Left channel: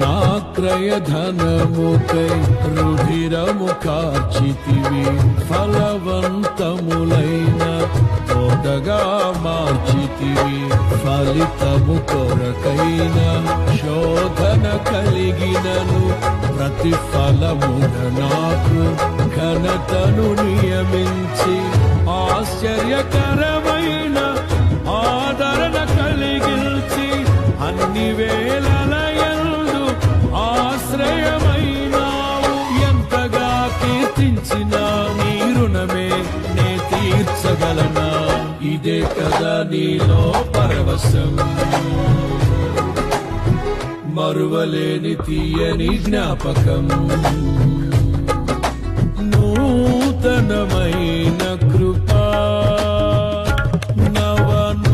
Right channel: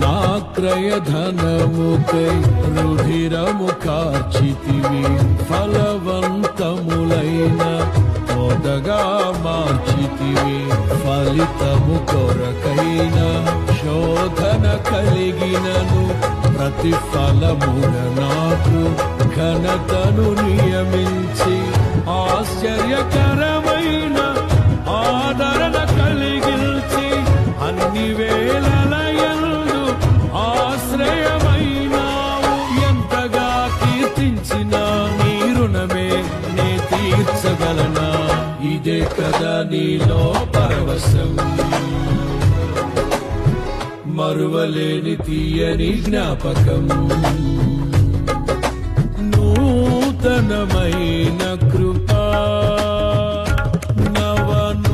నా క్రయధనముకై రుధిరము కార్చితివి, ఫలవంతములైన తోటగా మార్చితివి. ఫలితము కొరకైన శోధన కలిగినను ప్రతిఫలముగ నాకు ఘనతను నియమించి, ఆశ్చర్యకరమైన ఆదరణ కలిగిల్చి, అన్ని వేళలయందు ఆశ్రయమైనావు. ఎంతగా కీర్తించిన నీ రుణమే నే తీర్చగలనా? ఇదే కదా నీలో పరవశం, మరువలేని తీయని జ్ఞాపకం. నూతనమైన కృపా, నవనూతనమైన